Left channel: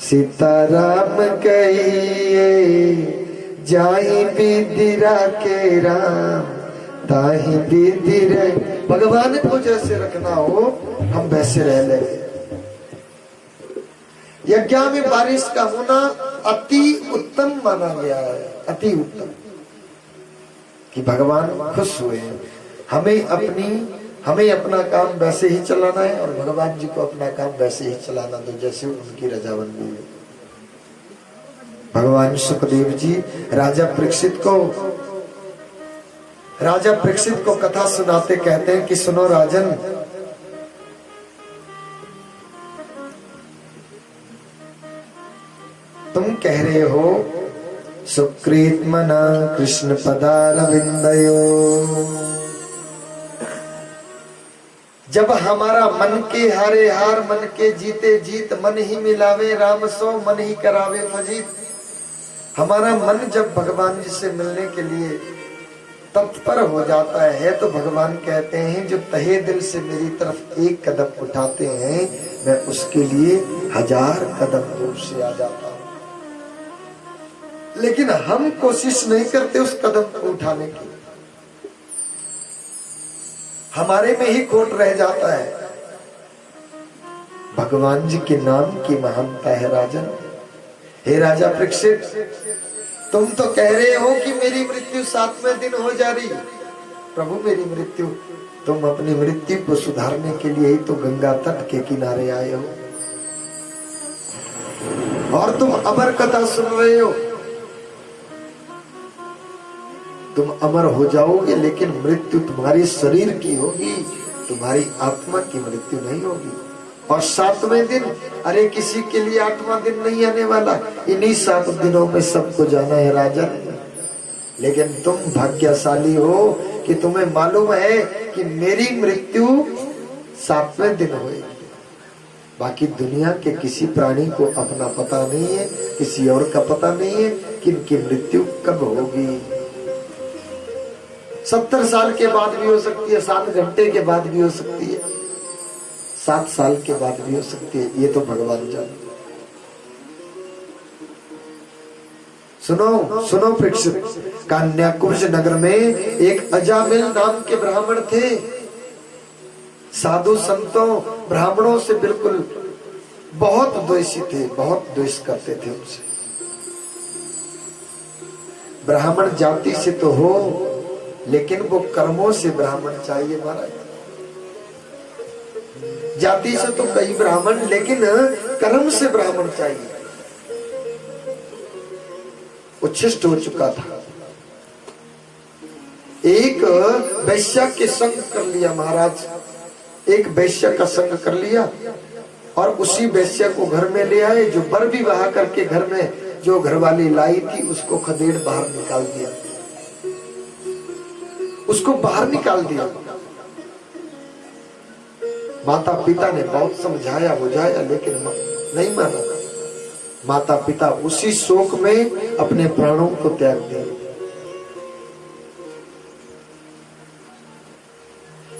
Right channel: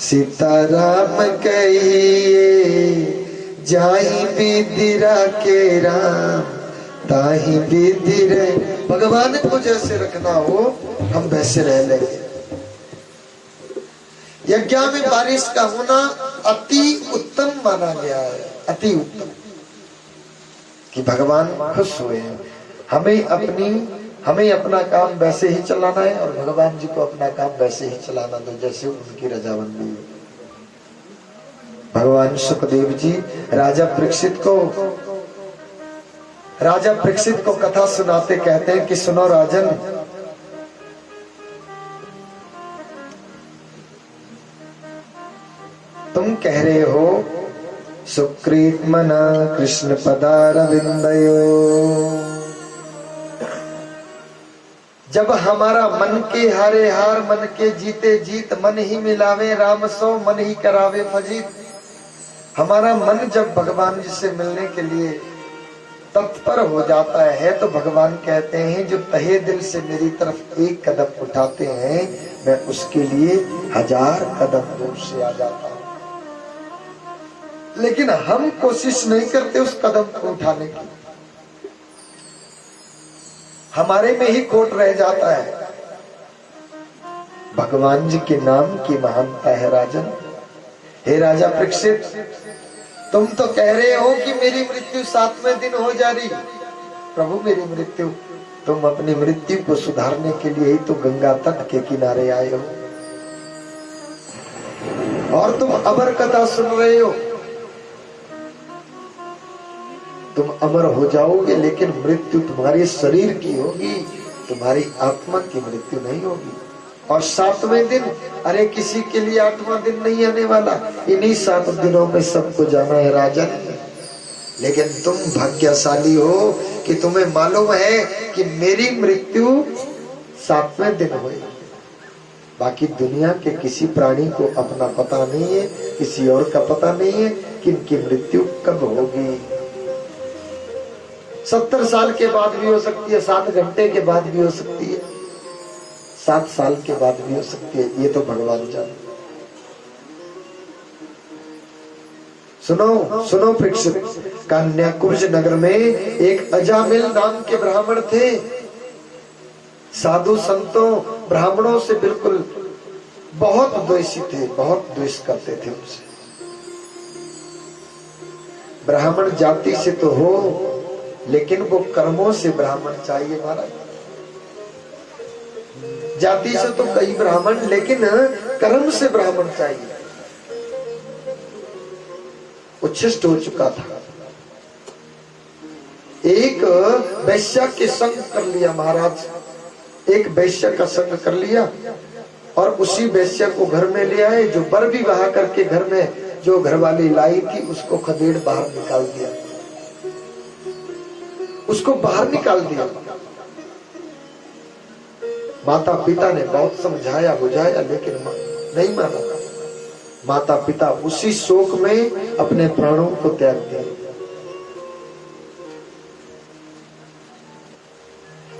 सीताराम कहिए जाहि विदिरा के राम ताहि विदिर। भगवान को जैसे रखना हो हम वैसे रह लेंगे। यज्ञ में बारिश का होना अति उत्तम माना गया है, अति उत्तम, कि भगवान खुश हुए हैं। हमें अपना काम वैसे ही चलाना है और भगवान जी को अपना काम वैसे ही चलाना दो जैसे उनकी रजामंदी है। भगवान सुखदेव जी राजा परीक्षित को कथा सुनाते कहते हैं कि सुनो राजन, तुम कह रहे हो सुकृत मना कृष्ण पदारविंदयो। जब हमारा मन के हारे हार मन के जीते जीत, मन ही मिलावे राम सो मन ही करावे फजीत। हमारा मन जब भगवान जी से मिलने के लिए तत्पर हो जाता है तो भगवान कहते हैं जो तहे दिल से मेरी तरफ एक कदम उठाते हैं मैं उसके लिए 1000 कदम दूर से आ जाता हूं। लेकिन हम कोशिश नहीं करते उस कदम को उठाने की, हमारे में ही खोट रह जाता है। भगवान जी के नाम की महानता है राजन। हे राजा परीक्षित, तुम तो कह रहे हो कि मेरी मृत्यु 7वें दिन हो जा रही। प्रभु मेरी मृत्यु, तुम अपनी मृत्यु को सुधारने के लिए ही तो गंगा तट के किनारे आए हो और तुम अमर कथा सुन रहे हो। तुम अमर हो जाओगे लेकिन मृत्यु तुम्हारे शरीर की होगी, तुम्हारी आत्मा की मृत्यु नहीं होगी। और 7वें दिन, अरे किसी के लिए 8वां दिन नहीं आने वाला, इन्हीं 7 दिनों में सबको जाना है राजन। लेकिन तुम भाग्यशाली हो कि तुम्हें मालूम है कि मेरी मृत्यु 7वें दिन हुई। बाकी दुनिया के किसी प्राणी को अपना पता नहीं है, किसी और का पता नहीं है कि इनकी मृत्यु कब होगी। 70 साल के बाद भी हो सकती है, 7 घंटे के बाद भी हो सकती है, 7 साल के बाद भी हो सकती है, ये तो भगवान जाने। सुनो परीक्षित, कन्याकुब्ज नगर में एक अजामिल नाम के ब्राह्मण थे। साधु संतों ब्राह्मणों से बिल्कुल बहुत द्वेषी थे, बहुत द्वेष करते थे उनसे। ब्राह्मण जाति से तो हो लेकिन वो कर्मों से ब्राह्मण चाहिए महाराज। जाति से तो कई ब्राह्मण, लेकिन कर्म से ब्राह्मण चाहिए। उच्छिष्ट हो चुका था, एक वैश्या के संग कर लिया महाराज, एक वैश्या का संग कर लिया और उसी वैश्या को घर में ले आए। जो बर विवाह करके घर में जो घरवाली लाई थी उसको खदेड़ बाहर निकाल दिया, उसको बाहर निकाल दिया। माता पिता ने बहुत समझाया बुझाया लेकिन नहीं माना। माता पिता उसी शोक में अपने प्राणों को त्याग दिए।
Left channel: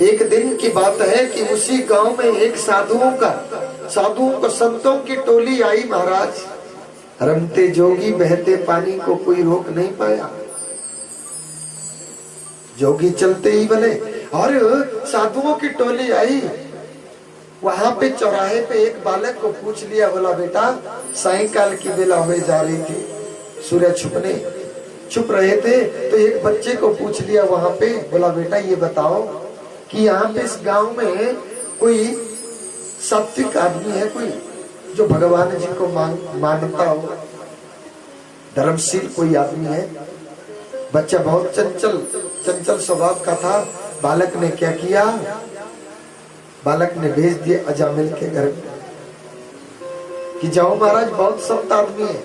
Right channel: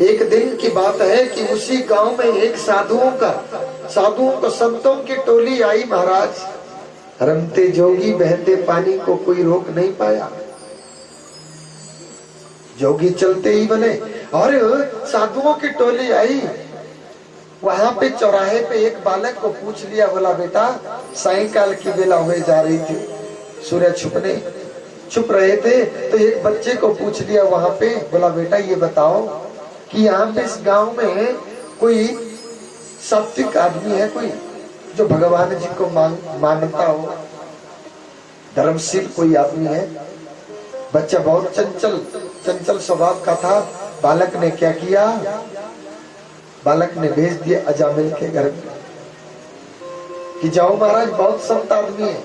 एक दिन की बात है कि उसी गांव में एक साधुओं का संतों की टोली आई महाराज। रमते जोगी बहते पानी को कोई रोक नहीं पाया, जोगी चलते ही बने। और साधुओं की टोली आई, वहां पे चौराहे पे एक बालक को पूछ लिया, बोला बेटा सायंकाल की बेला हुए जा रही थी, सूर्य छुप रहे थे, तो एक बच्चे को पूछ लिया वहां पे, बोला बेटा ये बताओ कि यहाँ पे इस गांव में कोई सात्विक आदमी है कोई जो भगवान जी को मानता हो, धर्मशील कोई आदमी है। बच्चा बहुत चंचल स्वभाव का था। बालक ने क्या किया, बालक ने भेज दिया अजामिल के घर में कि जाओ महाराज बहुत संत आदमी है।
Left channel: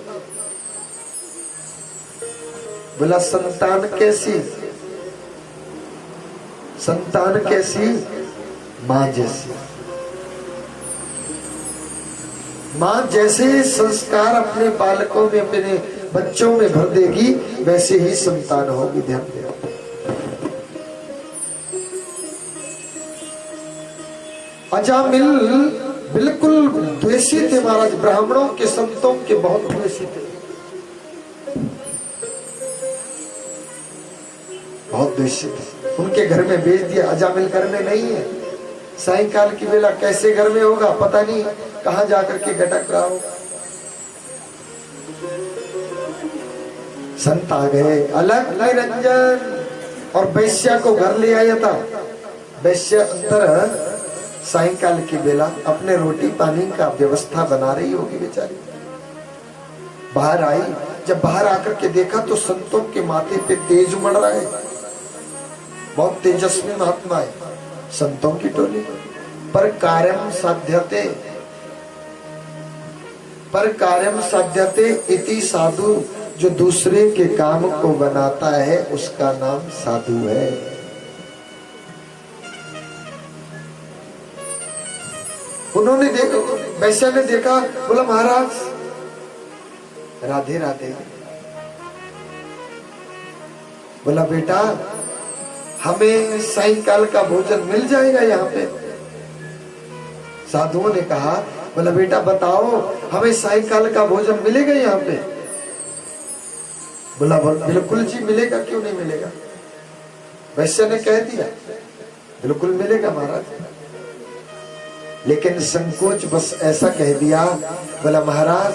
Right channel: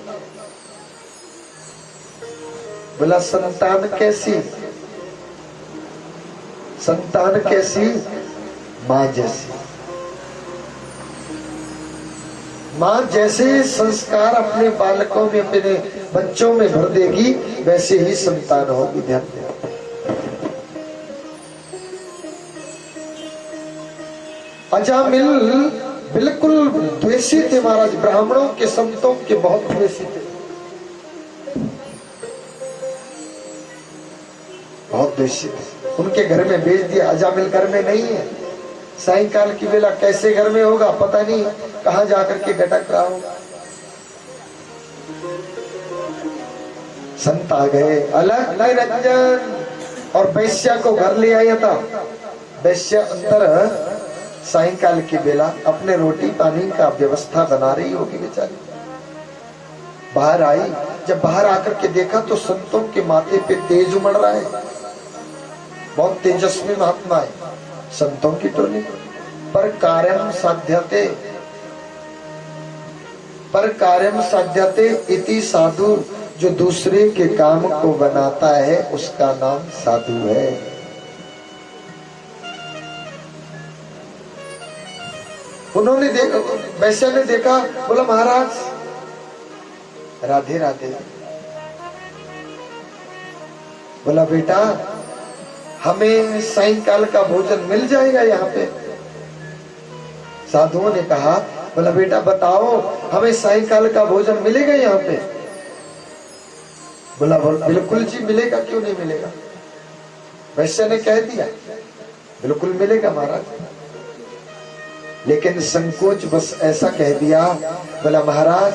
बोला संतान कैसी? संतान कैसी? माँ जैसी। माँ जैसे संस्कार अपने बालकों में अपने बच्चों में भर देगी वैसे ही संतान होगी। ध्यान दें। अजामिल बिल्कुल द्वेषी थे महाराज, ब्राह्मणों के संतों के बहुत द्वेषी थे, बहुत द्वेषी थे। उनके घर में भेज दिया, अजामिल घर में नहीं है, सायंकाल की बेला कैसे घर में होगा पता नहीं, कहां जाकर के गटक रहा हो। संत आ गए, अलग निरंजन और वैश्या को घर ले आया था। वैश्या अंदर सायंकाल की बेला अपने रोटी पानी का व्यवस्था बना रही होगी बेचारी, बाहर आई। जब बाहर आकर के देखा तो संतों के माथे पे तेज उमड़ रहा है, बहुत तेजस्वी महात्मा है, संतों की टोली। पर कार्यम साध्यते, पर कार्यम साध्यते इति साधु, जो दूसरे के काम को बनाता है उसका नाम साधु है। उन्होंने देखा, वैश्या ने देखा, बोला महाराज राधे राधे। बोला बेटा हमें सायंकाल का भोजन मिल जाएगा यहाँ पे। साधुओं ने कहा, बोला बेटा बताओ हमें सायंकाल का भोजन मिलेगा यहाँ पे। बोला बिल्कुल जी मिलेगा, क्यों नहीं मिलेगा। वैश्य ने कह दिया बिल्कुल मिलेगा महाराज, लेकिन संकोच बस ऐसा कह दिया, बोला महाराज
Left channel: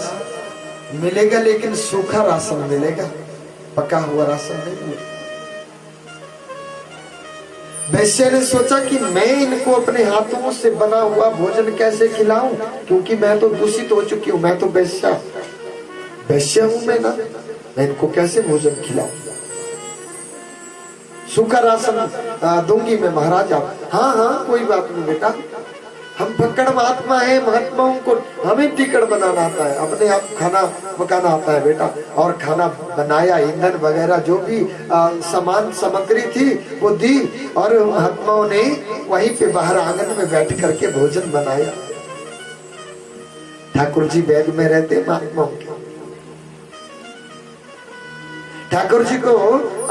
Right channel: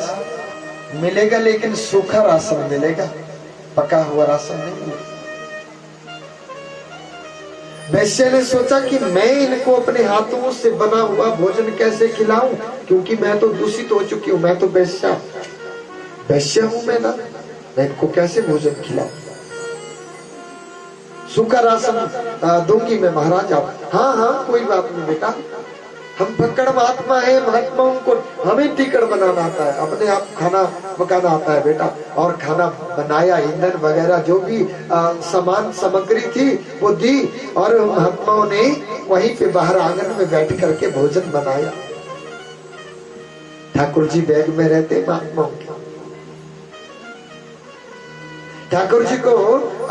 मिलेगा लेकिन सूखा राशन मिलेगा, पका हुआ राशन नहीं मिलेगा। वैश्य ने सोचा कि मैं इनको अपने हाथों से बना हुआ भोजन कैसे खिलाऊं, क्योंकि मैं तो दूषित हो चुकी हूं, मैं तो वैश्य हूं मैं इनको कैसे भोजन खिलाऊं। सूखा राशन दूंगी मैं महाराज आप। हाँ हाँ कोई बात नहीं बेटा, हम पकड़ महात्मा है, महात्माओं को हमें टिकट बनाना आता है, अपने आप खाना पकाना आता है बेटा। और खाना बनाया, ईंधन वगैरह जो भी सामान सामग्री थी वो दी, और महात्माओं ने वहीं पे बाहर आंगन में बैठ करके भोजन बनाया। ठाकुर जी बैग में रहते महात्माओं के, ठाकुर जी को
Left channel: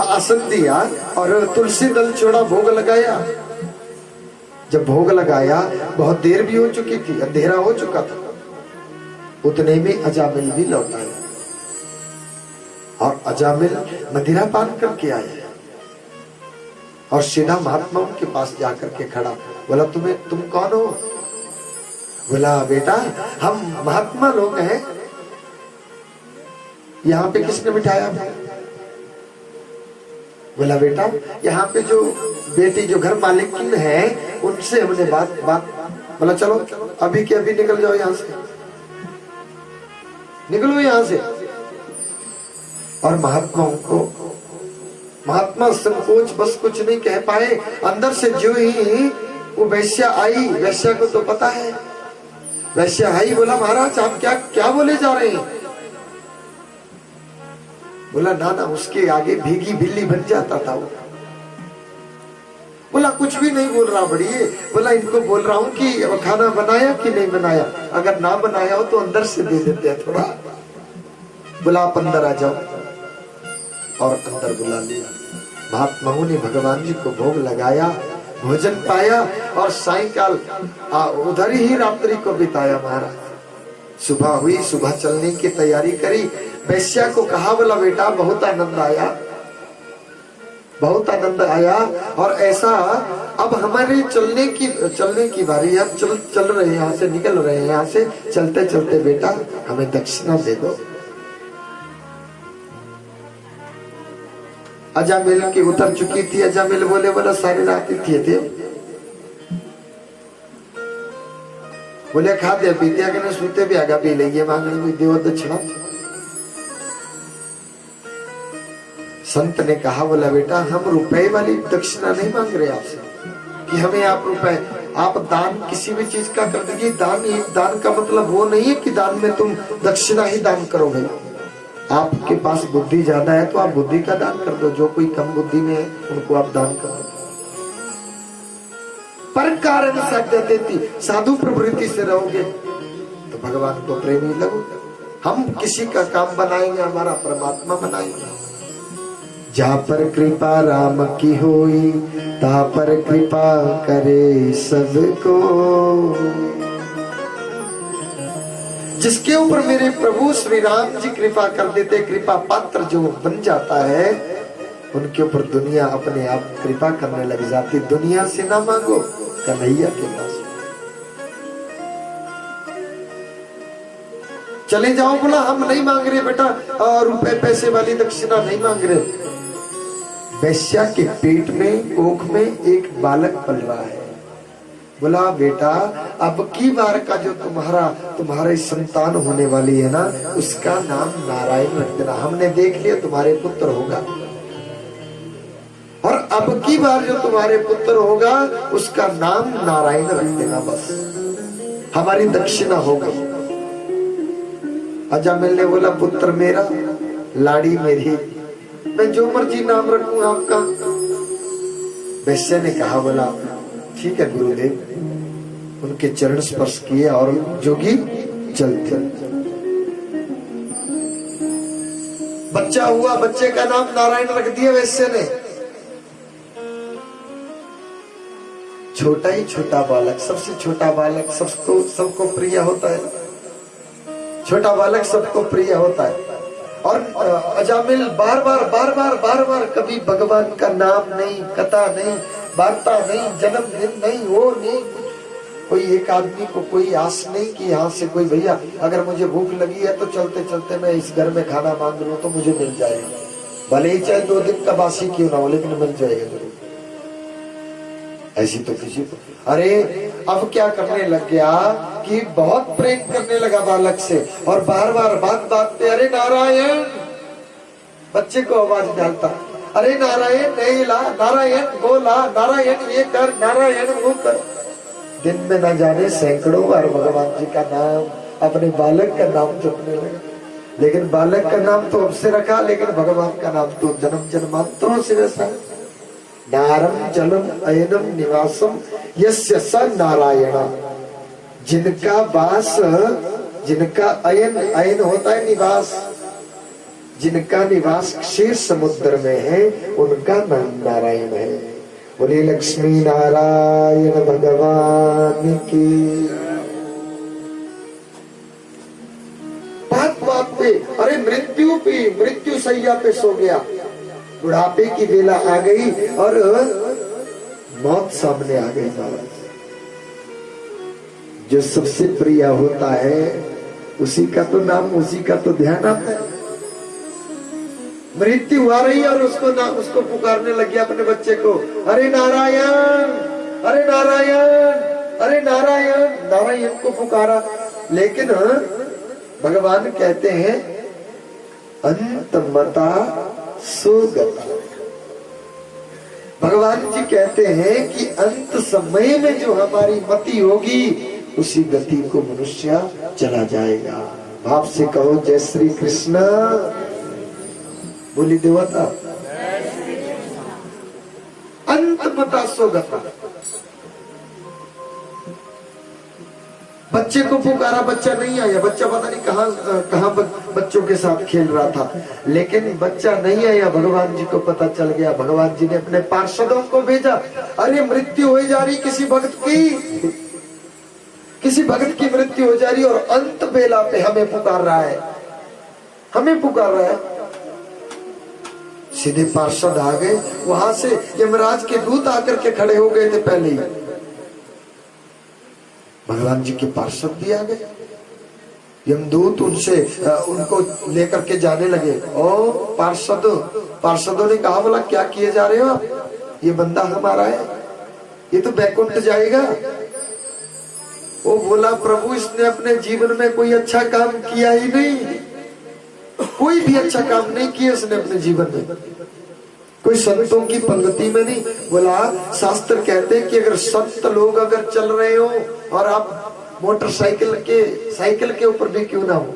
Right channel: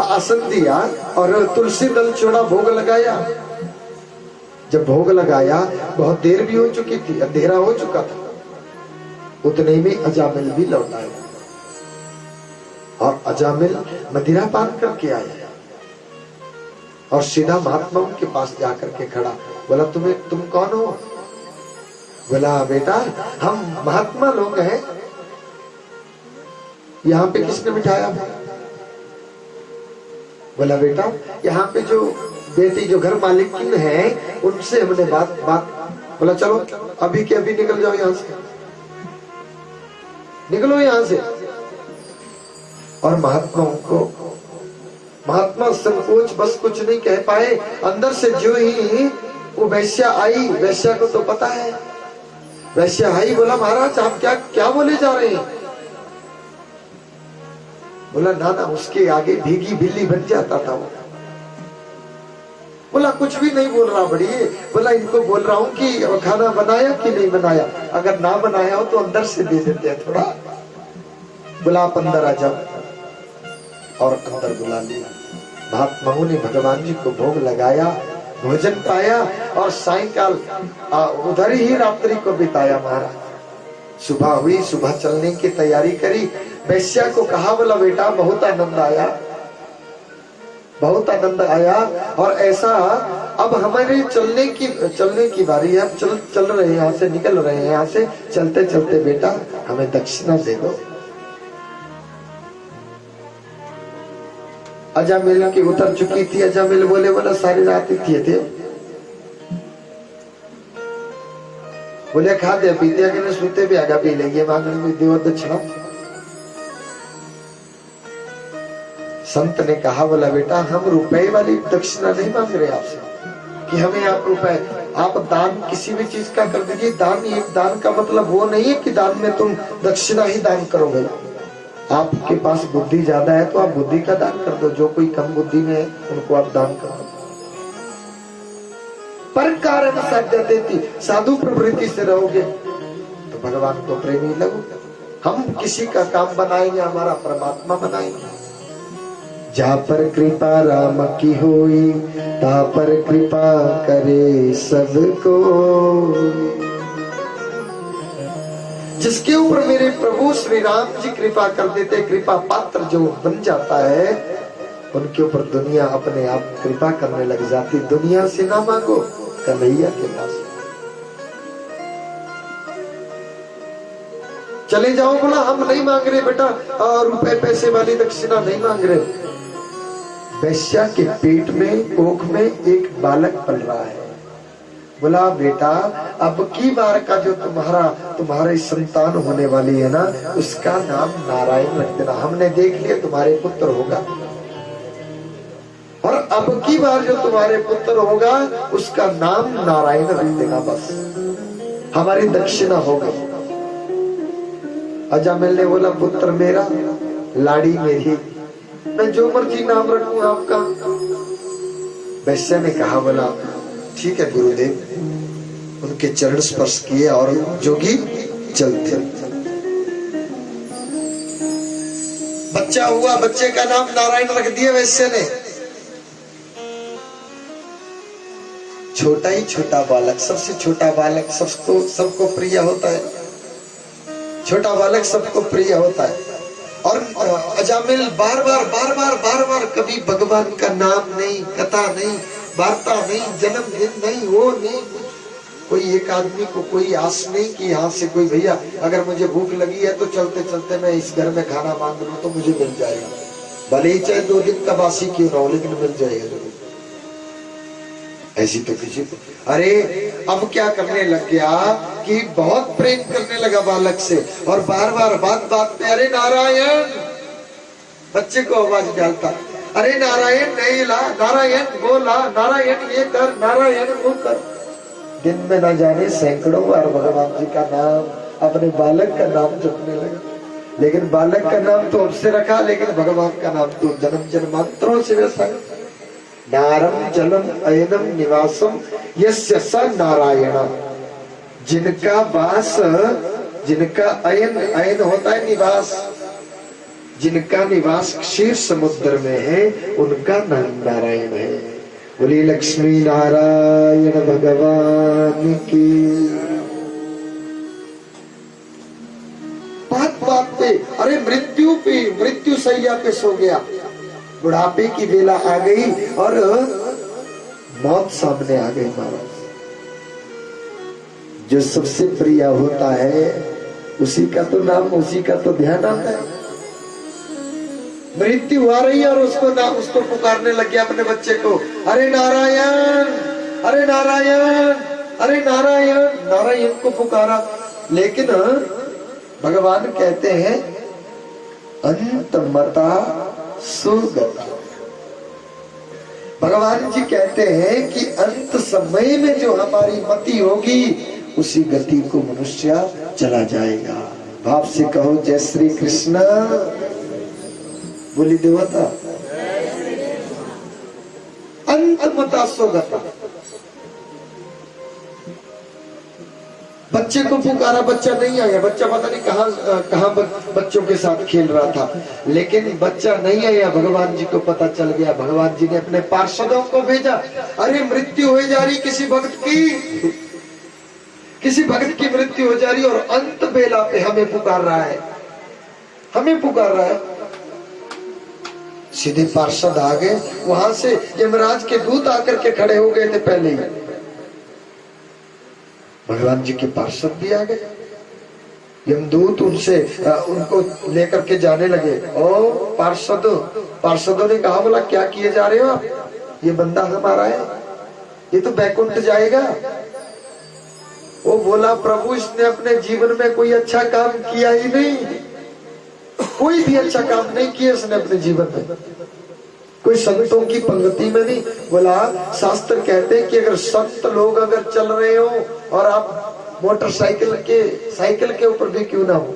आसन दिया और तुलसी दल चूड़ा भोग लगाया। जब भोग लगाया बहुत देर भी हो चुकी थी, अंधेरा हो चुका था, उतने में अजामिल भी लौट आए और अजामिल मदिरा पान करके आए और सीधा महात्माओं के पास जाकर के खड़ा। बोला तुम कौन हो। बोला बेटा हम महात्मा लोग हैं, यहाँ पे किसने बिठाया। बोला बेटा यहाँ पे जो बेटी जो घर मालिक है उनसे हमने बात। बोला चलो अभी के अभी निकल जाओ यहाँ से, निकलो यहाँ से। और महात्मा संकोच बस कुछ नहीं कह पाए। अंदर से जो ही वो वैश्या आई, वैश्या को तो पता है, वैश्या आई। बोला महाराज आप क्या बोले जा रहे हैं। बोला ना उसके आगे भीगी बिल्ली बन जाता था वो। बोला कुछ भी नहीं बोल रहा बढ़िए। बोला इनको बोल रहा हूँ कि खाना बनाया कि नहीं बनाया, अगर ना बनाया हो तो अंदर से दे देते हैं थोड़ा। बोला आप अंदर आ जाओ, और अंदर बुला लिया। महात्माओं ने भगवान जी को भोग लगाया, भोजन पाया और सायंकाल उधर ही रात्रि को बिताया महाराज। सुबह हुई, सुबह चलने की तैयारी करी। वैश्या को कहा बोला बेटा बहुत आनंद आया, बहुत आनंद आया, और ऐसा अब हमारे चलने की बारी है। चल रहे हैं यहाँ से, निकल रहे हैं यहाँ से, चलते चलते बेटा हमें दक्षिणा दे दो। अजामिल की उतर चुकी थी। अजामिल बोला सारी रात ही किए थे। बोले खा दे पीते अगर सूते भी आगा पी लेंगे, मांगने में देव दक्षिणा। संत ने कहा बोला बेटा हम रुपए वाली दक्षिणा नहीं मांग रहे आपसे कि हमें आप रुपए, आप दान किसी भी चीज का कर दीजिए। दान का मतलब वो नहीं है कि दान में तुम दक्षिणा ही दान करोगे। आपके पास बुद्धि ज्यादा है तो आप बुद्धि का दान कर दो, जो कोई कम बुद्धि में है उनको आप दान कर दो। पर कारण साध्यते थी, साधु प्रवृत्ति से रहोगे तो भगवान को प्रेमी लगो। हम किसी का काम बनाएंगे, हमारा परमात्मा बनाएंगे। जहाँ पर कृपा राम की होई, तहाँ पर कृपा करे सबको। जिसके ऊपर मेरे प्रभु श्री राम जी कृपा कर देते, कृपा पात्र जो बन जाता है, उनके ऊपर दुनिया अपने आप कृपा करने लग जाती। दुनिया से ना मांगो, कन्हैया के पास चले जाओ। बोला हम नहीं मांग रहे बेटा, रुपए पैसे वाली दक्षिणा नहीं मांग रहे। वैश्या के पेट में, कोख में एक बालक पल रहा है। बोला बेटा अब की बार का जो तुम्हारी संतान होने वाली है ना, उसका नाम नारायण रख देना। हमने देख लिया तुम्हारे पुत्र होगा, और अब की बार जो तुम्हारे पुत्र होगा उसका नाम नारायण रख देना, बस हमारी दक्षिणा हो गई। अजामिल ने बोला पुत्र मेरा, लाड़ी मेरी, मैं जो मर्जी नाम रखूं आपका। वैश्य ने कहा बोला ठीक है गुरुदेव। उनके चरण स्पर्श किए और जोगी चलते। बच्चा हुआ, बच्चे का नाम नारायण रख दिया वैश्य ने। छोटा ही छोटा बालक, सबसे छोटा बालक सबको प्रिय होता है। छोटा बालक सबको प्रिय होता है। और अजामिल बार बार कभी भगवान का नाम नहीं, कथा नहीं, वार्ता नहीं, जन्मदिन नहीं, वो नहीं। कोई एक आदमी को कोई आस नहीं कि यहाँ से कोई भैया अगर मुझे भूख लगी है तो चलते चलते मैं इस घर में खाना मांग लूं तो मुझे मिल जाएगा, भले ही चाहे 2 दिन का बासी क्यों ना हो, लेकिन मिल जाएगा जरूर। ऐसी तो किसी को। अरे अब क्या करने लग गया कि बहुत प्रेम करने लगा बालक से, और बार बार बात पे अरे नारायण, बच्चे को आवाज डालता, अरे नारायण नहीं ला, नारायण वो ला, नारायण ये कर, नारायण वो कर। दिन में न जाने सैकड़ों बार भगवान जी का नाम, अपने बालक का नाम जपने लगा। लेकिन बालक का नाम तो उससे रखा, लेकिन भगवान का नाम तो जन्म जन्मांतरों से वैसा है। नारम जलम अयनम निवासम यस्य स नारायण। जिनका वास, जिनका अयन होता है निवास, जिनका निवास क्षीर समुद्र में है, उनका नाम नारायण है। बोले लक्ष्मी नारायण भगवान की। बात पे अरे मृत्यु सैया पे सो गया, बुढ़ापे की बेला आ गई और मौत सामने आ गई। महाराज जो सबसे प्रिय होता है उसी का तो नाम, उसी का तो ध्यान आता है। मृत्यु आ रही है और उसको पुकारने लग गया अपने बच्चे को, अरे नारायण, अरे नारायण, अरे नारायण। नारायण को पुकारा, लेकिन भगवान कहते हैं अंतमता सुगता। भगवान जी कहते हैं कि अंत समय में जो हमारी मति होगी उसी गति को मनुष्य चला जाएगा। भाव से कहो जय श्री कृष्ण। बोली देवता अंतमता सुगता। बच्चे को पुकारा, बच्चा नहीं आया। बच्चा पता नहीं कहाँ बच्चों के साथ खेल रहा था, लेकिन बच्चा नहीं आया। भगवान जी को पता चल गया। भगवान जी ने अपने पार्षदों को भेजा, अरे मृत्यु हो जा रही किसी भक्त की, किसी भक्त की मृत्यु हो जा रही और अंत बेला पे हमें पुकार रहा है, हमें पुकार रहा है। सीधे पार्षद आ गए, वहां से यमराज के दूत आकर के खड़े हो गए थे पहले ही। भगवान जी के पार्षद भी आ गए, यमदूत उनको लेकर के जाने लगे। ओ पार्षदों ने कहा, बोला क्या किए जा रहे हो आप? ये बंदा हमारा है, ये तो बैकुंठ जाएगा। वो बोला प्रभु इसने अपने जीवन में कोई अच्छा काम किया ही नहीं, कोई भी अच्छा काम नहीं किया उसने अपने जीवन में, कोई संतों की पंक्ति में नहीं। बोला शास्त्र कहते हैं कि अगर संत लोग अगर चल रहे हो और आप मोटरसाइकिल के ऊपर भी क्यों ना हो,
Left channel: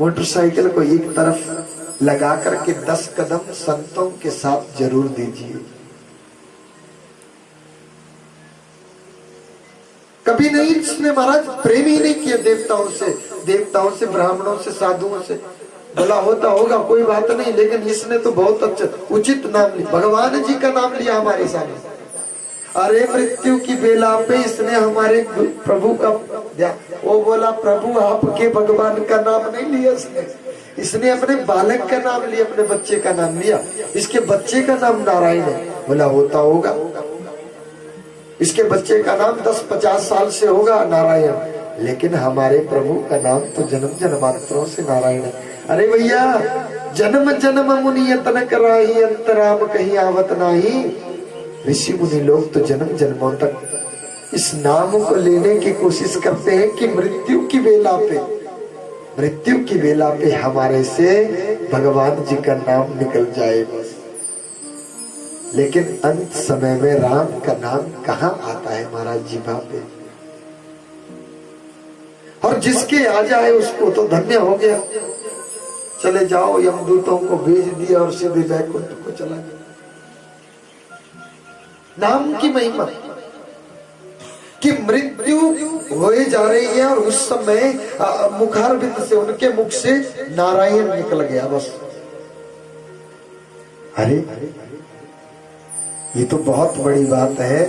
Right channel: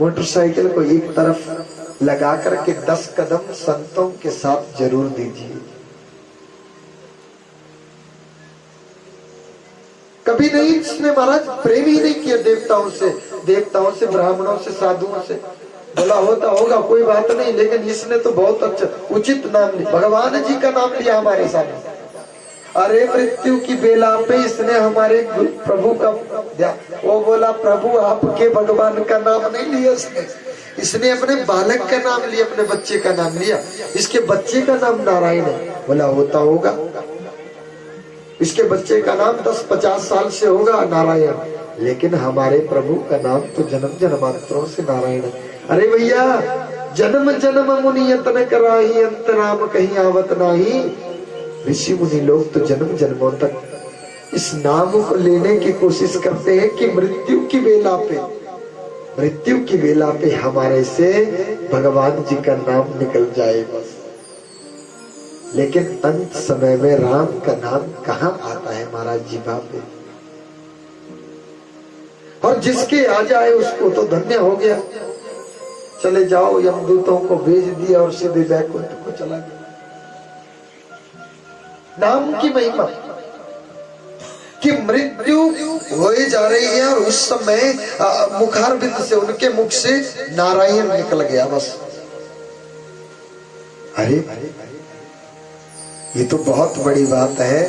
मोटरसाइकिल को एक तरफ लगा करके 10 कदम संतों के साथ जरूर दीजिए। कभी नहीं इसने महाराज प्रेम ही नहीं किया देवताओं से, ब्राह्मणों से, साधुओं से। बोला होता होगा कोई बात नहीं, लेकिन इसने तो बहुत अच्छा उचित नाम लिया, भगवान जी का नाम लिया हमारे सामने। अरे मृत्यु की बेला पे इसने हमारे प्रभु का, वो बोला प्रभु आपके भगवान का नाम नहीं लिया इसने अपने बालक का नाम लिया, अपने बच्चे का नाम लिया। इसके बच्चे का नाम नारायण है। बोला होता होगा, इसके बच्चे का नाम 10-50 साल से होगा नारायण, लेकिन हमारे प्रभु का नाम तो जन्म जन्मांतरों से नारायण है। अरे भैया, जन्म जन्म मुनि यतन कराही, अंतराम कहीं आवत नाही। ऋषि मुनि लोग तो जन्म जन्मों तक इस नाम को लेने की कोशिश करते हैं कि मृत्यु की बेला पे हमारे से भगवान जी का नाम निकल जाए बस। लेकिन अंत समय में राम का नाम कहाँ आता है महाराज जी पे? और जिसके आ जाए उसको तो धन्य हो गया। चले जाओ, यमदूतों को भेज दिया और सीधे बैकुंठ को चला गया। नाम की महिमा कि मृत्यु होए जा रही है और उस समय मुखारबिंद से, उनके मुख से नारायण निकल गया बस। अरे ये तो बहुत बड़ी बात है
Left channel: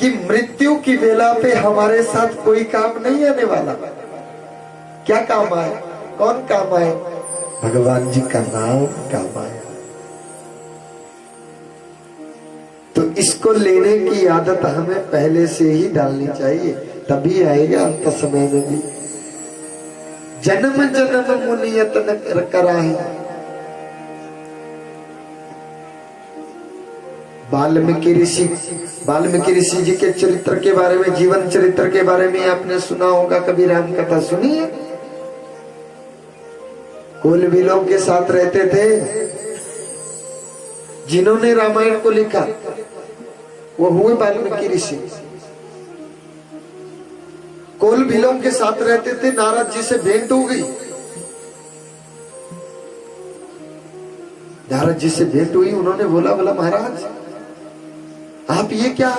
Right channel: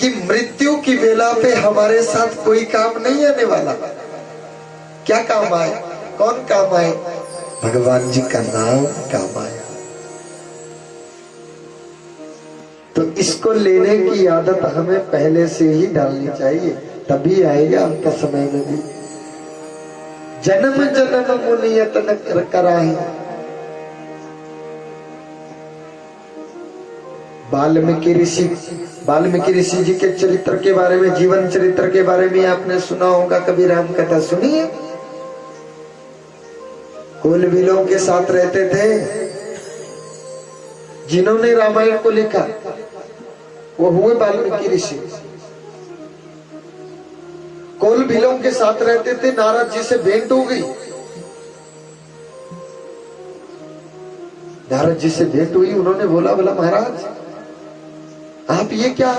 कि मृत्यु की बेला पे हमारे साथ कोई काम नहीं आने वाला। क्या काम आए? कौन काम आए? भगवान जी का नाम काम आए। तो इसको लेने की आदत हमें पहले से ही डालनी चाहिए, तभी आएगा अंत समय में भी। जन्म जन्म मुनि यतन कराही। वाल्मीकि ऋषि जी के चरित्र के बारे में, जीवन चरित्र के बारे में आपने सुना होगा, कभी राम कथा सुनी है? कुल बिलों के साथ रहते थे। जिन्होंने रामायण को लिखा वो हुए वाल्मीकि ऋषि। कोल बिलों के साथ रहते थे। नारद जी से भेंट हो गई, नारद जी से भेंट हुई। उन्होंने बोला महाराज आप ये क्या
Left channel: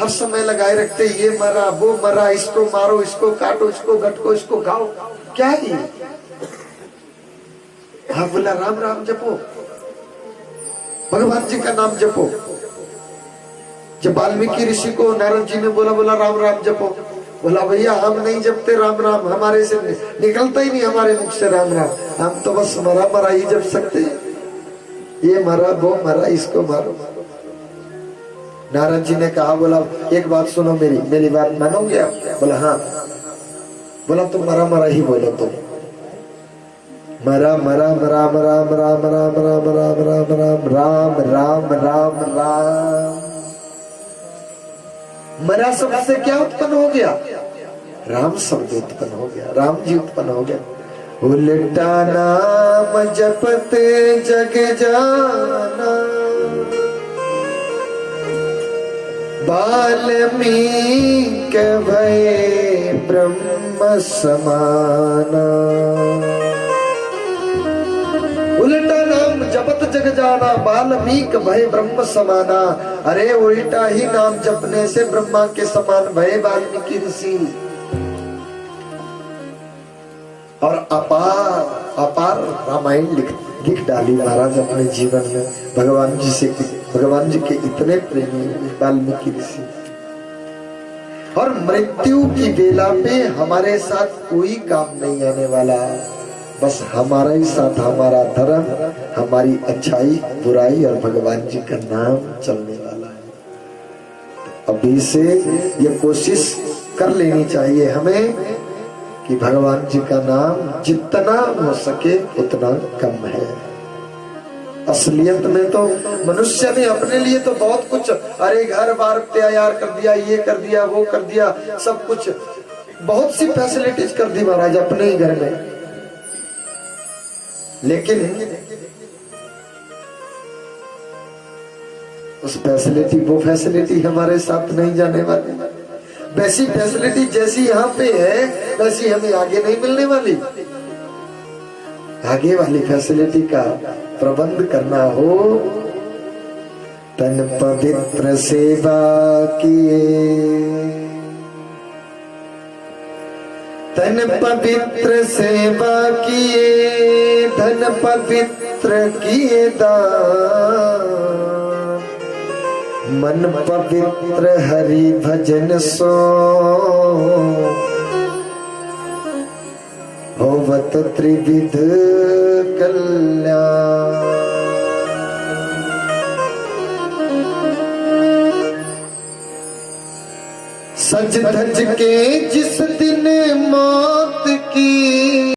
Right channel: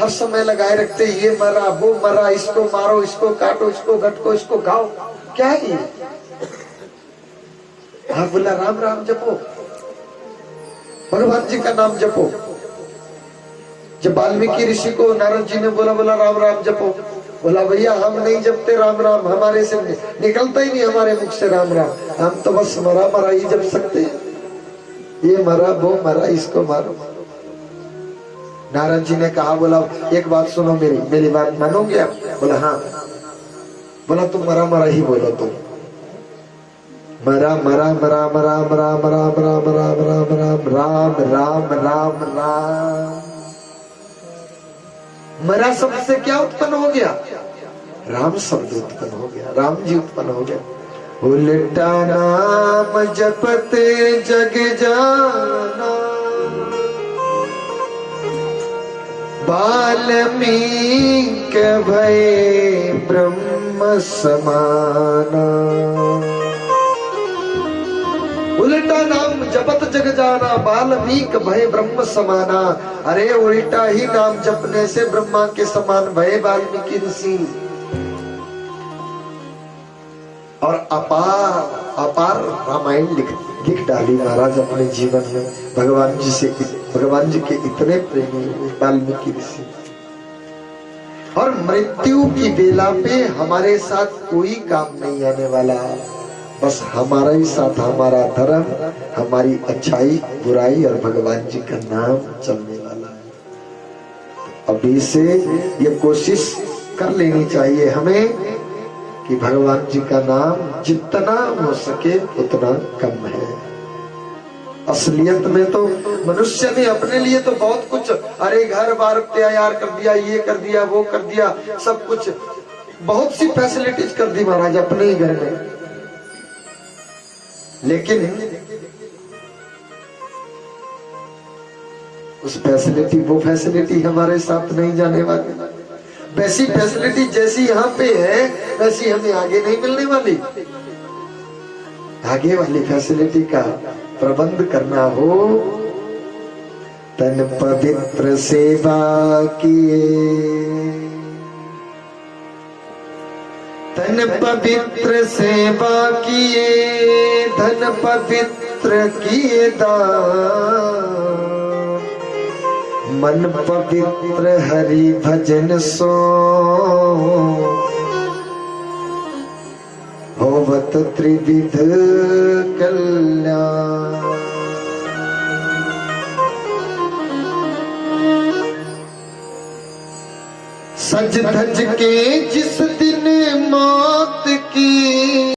हर समय लगाए रखते, ये मरा वो मरा, इसको मारो, इसको काटो, इसको गटको, इसको खाओ, क्या है ये? हाँ, बोला राम राम जपो, भगवान जी का नाम जपो। जब वाल्मीकि ऋषि को नारद जी ने बोला राम राम जपो, बोला भैया हम नहीं जपते राम राम, हमारे से निकलता ही नहीं हमारे मुख से राम राम, हम तो बस मरा ही जप सकते हैं। ये मरा वो मरा, इसको मारो। नारद जी ने कहा, बोला एक बात सुनो, मेरी बात मानोगे आप? बोला हाँ। बोला तुम मरा ही बोलो, तुम मरा मरा मरा मरा मरा मरा मरा मरा मरा मरा राम राम राम राम। मरा शब्द से क्या उत्पन्न हो गया? राम शब्द उत्पन्न हो गया, राम जी उत्पन्न हो गया। उल्टा नाम जपते जग जाना, वाल्मीकि भय ब्रह्म समाना। उल्टा नाम जपत जग जाना, वाल्मीकि भय ब्रह्म समाना। अरे उल्टा ही नाम जपने से ब्रह्मा के समान भय वाल्मीकि ऋषि। और अपार रामायण लिख डाली महाराज अपने जीवन में। भगवान जी के इतने प्रेमी वाल्मीकि ऋषि। और मृत्यु की बेला पे हमारे साथ कोई काम नहीं आने वाला, बस हमारा ही साथ, हमारा धर्म, हमारी अच्छाई बुराई और भगवान जी का नाम चलने वाला है। अभी से ये कोशिश कर लेनी चाहिए हमें कि भगवान जी का नाम जितना हो सके उतना कम है। असलियत में तो मनुष्य ने अपने लिए तो बहुत कुछ, अरे घर बार तैयार कर दिया, ये कर दिया, वो कर दिया, सब कुछ बहुत सी फैसिलिटीज कर दी महाराज अपने ही घर में। लेकिन वो फैसिलिटी हमारे साथ नहीं जाने वाली। वैसी फैसिलिटी जैसी यहाँ पे है वैसी हमें आगे नहीं मिलने वाली। आगे वाली फैसिलिटी का प्रबंध करना हो, तन पवित्र सेवा किए, तन पवित्र सेवा किए, धन पवित्र किए दान, मन पवित्र हरि भजन सो भवत त्रिविध कल्याण। सज धज के जिस दिन मौत की